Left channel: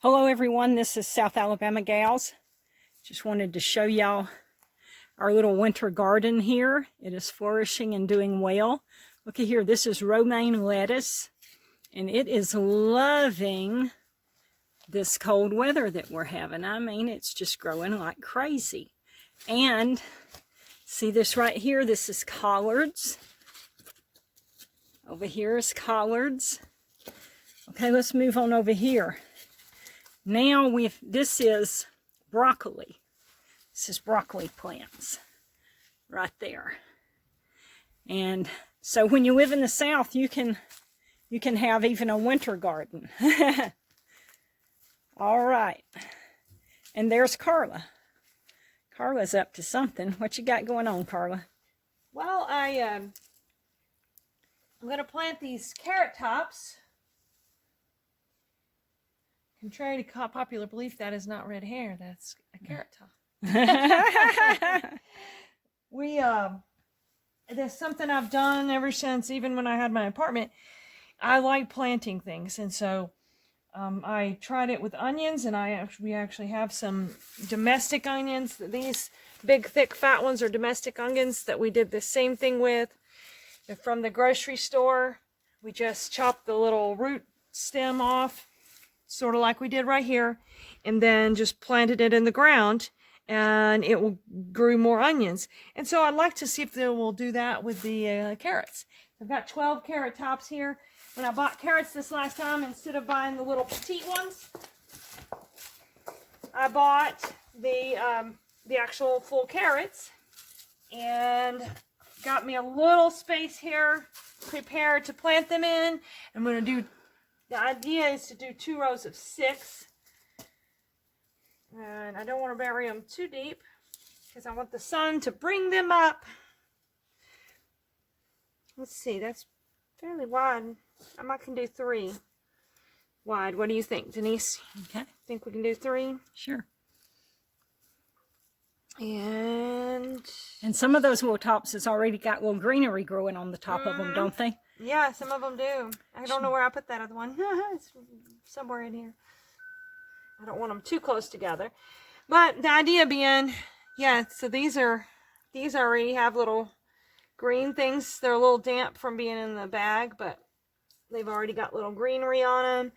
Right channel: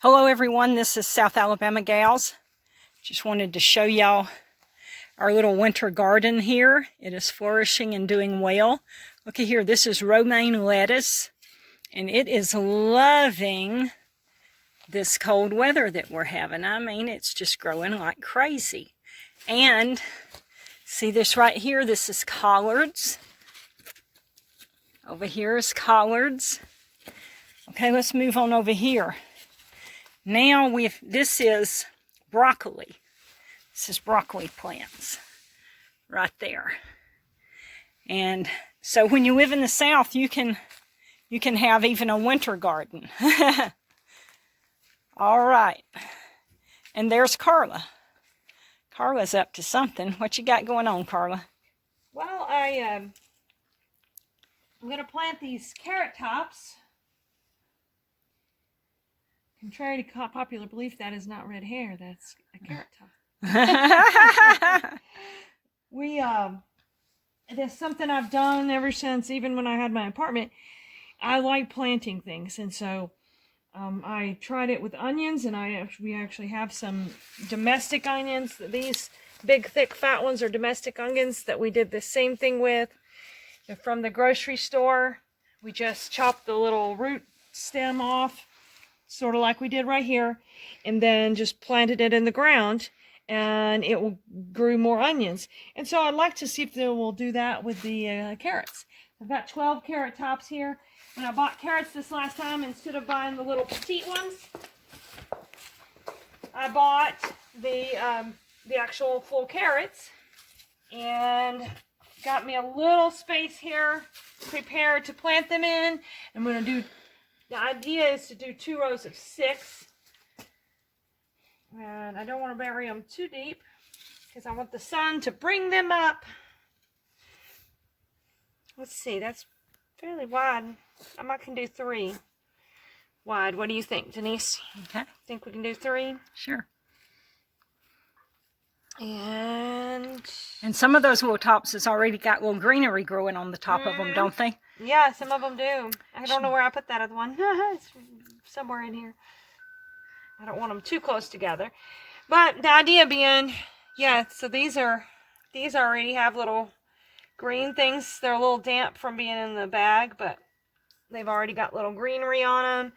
Hello everyone, this is South Alabama Gals. Just wanted to show y'all our little winter garden here. It is flourishing and doing well. Look at here, this is romaine lettuce, and it is loving this cold weather that we're having. I mean, it's just growing like crazy. And see this right here, this is collards. Over here is collards. Okay, let's move on over here. Now this is broccoli. This is broccoli plants right there. And so when you live in the South, you can have even a winter garden. All right. And there's Carla. Carla's up to something. What you got going on, Carla? Well, I'm going to plant these carrot tops. Contrary to popular belief, that is not red hair. That's a carrot top. That's something I've done ever since, even when I had my apartment. I like planting things, and so I tried it with onions, and we actually have some domestic onions. These big, thick, fat ones are domestic onions that we did the same thing with. They're from the grocery store. We just chopped the little root stem off, sort of like we did right here, and then just planted it in the ground, and it will grew more onions. And so I'd like to see if they will do that with the carrots. I've got 12 carrot tops here. When I bought carrots this last time, instead of buying the little petite ones, I bought the actual full carrots, and got me a little space here prepared to plant them in. I'm going to do, the idea is to do 2 rows of 6. And I don't want to bury them too deep because I want the sun to bring them up. Let's see, that's fairly wide. I might can do 3 wide. What do you think, Denise? Okay. Think we can do 3? Sure. And some of those little tops has already got little greenery growing on the top of them, don't they? Yeah, some of them do. I don't know where I put that other one. It's somewhere in here. I don't want them too close together. But the idea being, yeah, so these already have little green things. They're a little damp from being in the bag, but they've already got little greenery on them.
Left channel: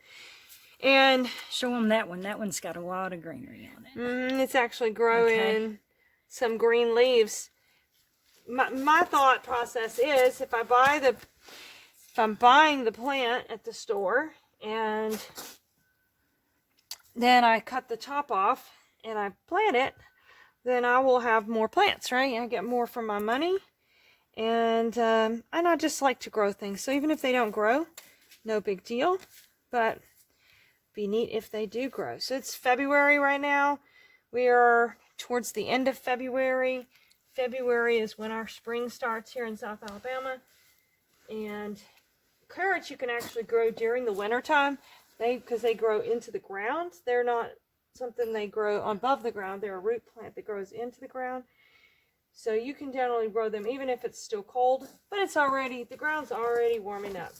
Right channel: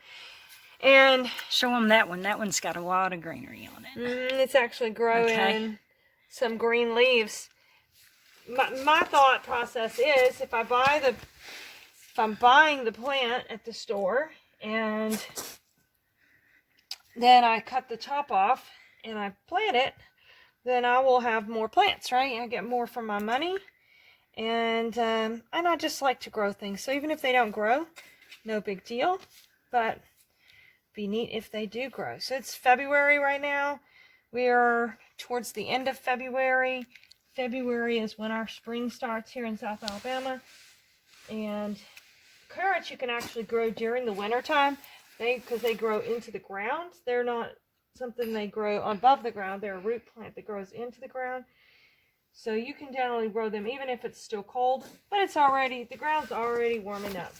And show them that one. That one's got a lot of greenery on it. It's actually growing some green leaves. My thought process is, if I'm buying the plant at the store, and then I cut the top off and I plant it, then I will have more plants, right? I get more for my money. And I just like to grow things. So even if they don't grow, no big deal. But be neat if they do grow. So it's February right now. We are towards the end of February. February is when our spring starts here in South Alabama. And carrots you can actually grow during the winter time, because they grow into the ground. They're not something they grow above the ground. They're a root plant that grows into the ground. So you can generally grow them even if it's still cold, but the ground's already warming up.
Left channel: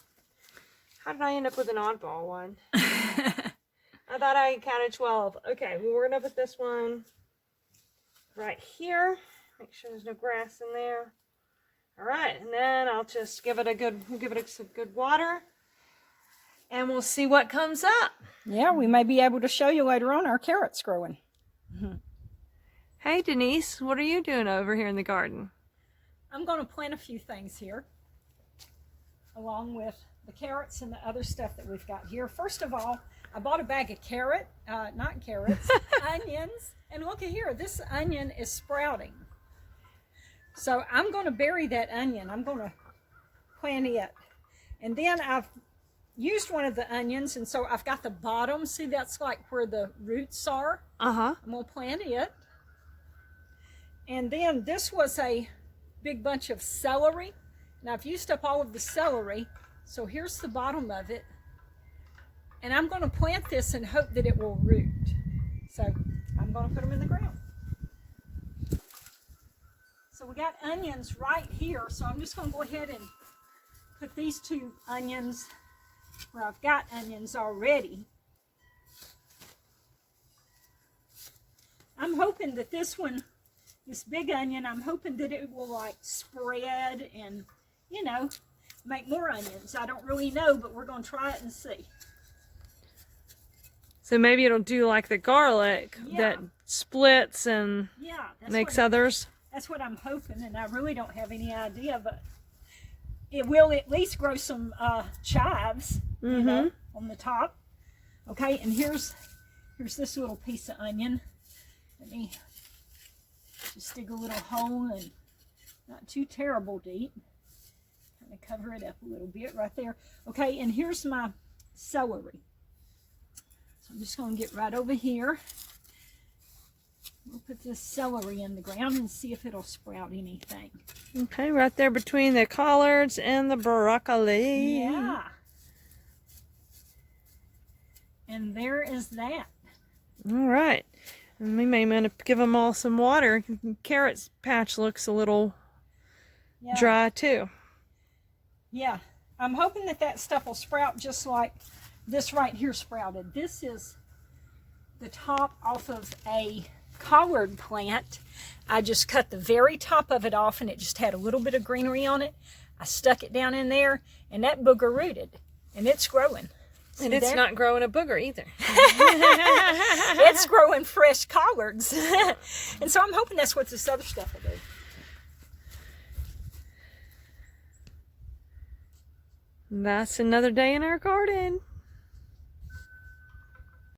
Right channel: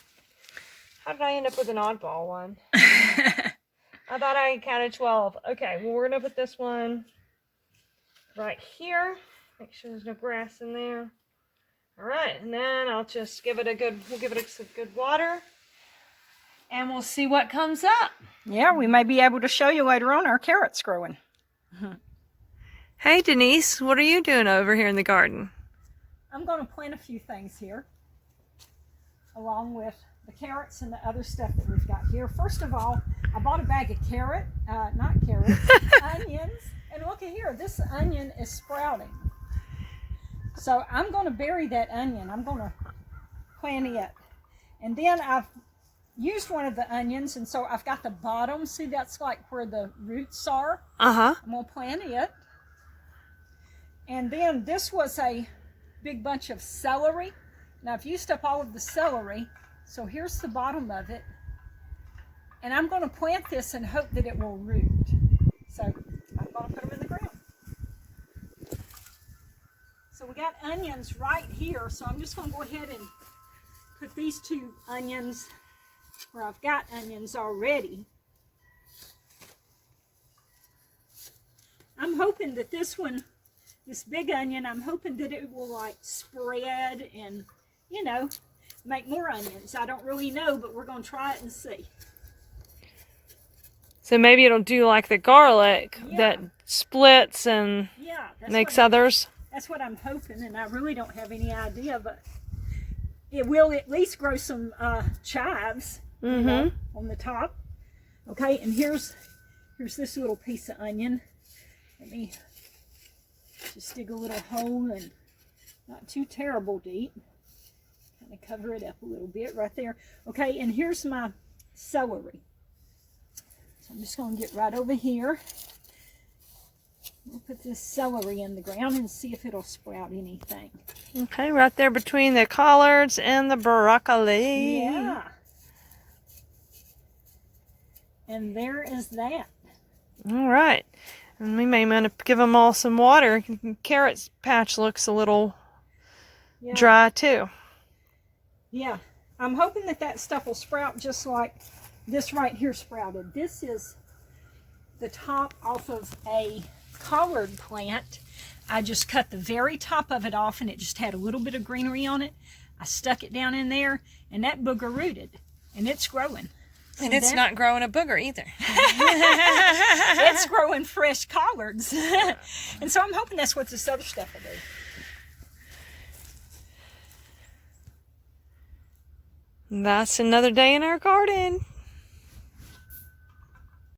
How did I end up with an oddball one? I thought I counted 12. Okay, well, we're going to put this one right here. Make sure there's no grass in there. All right, and then I'll just give it some good water, and we'll see what comes up. Yeah, we may be able to show you later on our carrots growing. Hey, Denise, what are you doing over here in the garden? I'm going to plant a few things here, along with the carrots and the other stuff that we've got here. First of all, I bought a bag of onions. And look at here, this onion is sprouting. So I'm going to bury that onion. I'm going to plant it. And then I've used one of the onions, and so I've got the bottom. See, that's like where the roots are. I'm going to plant it. And then this was a big bunch of celery. Now I've used up all of the celery, so here's the bottom of it. And I'm going to plant this and hope that it will root. So I'm going to put them in the ground. So we got onions right here, so I'm just going to go ahead and put these 2 onions where I've got onions already. I'm hoping that this one, this big onion, I'm hoping that it will like spread and, you know, make more onions. I don't really know, but we're going to try it and see. So maybe it'll do like the garlic Yeah. that splits and Yeah, makes others. That's what I'm hoping, and I really don't have any idea, but it will at least grow some chives, you know, on the top. Okay, and here's this little piece of onion. Let me just dig a little hole, and not too terrible deep. Kind of cover it up a little bit right there. Okay, and here's my celery. So I'm just going to get right over here. We'll put this celery in the ground and see if it'll sprout anything. Okay, right there between the collards and the broccoli. Yeah. And there is that. All right. And we may want to give them all some water. Carrot patch looks a little dry too. Yeah. I'm hoping that that stuff will sprout just like this right here sprouted. This is the top off of a collard plant. I just cut the very top of it off, and it just had a little bit of greenery on it. I stuck it down in there, and that booger rooted, and it's growing. See And it's there? not growing a booger either. It's growing fresh collards. And so I'm hoping that's what this other stuff will do. That's another day in our garden.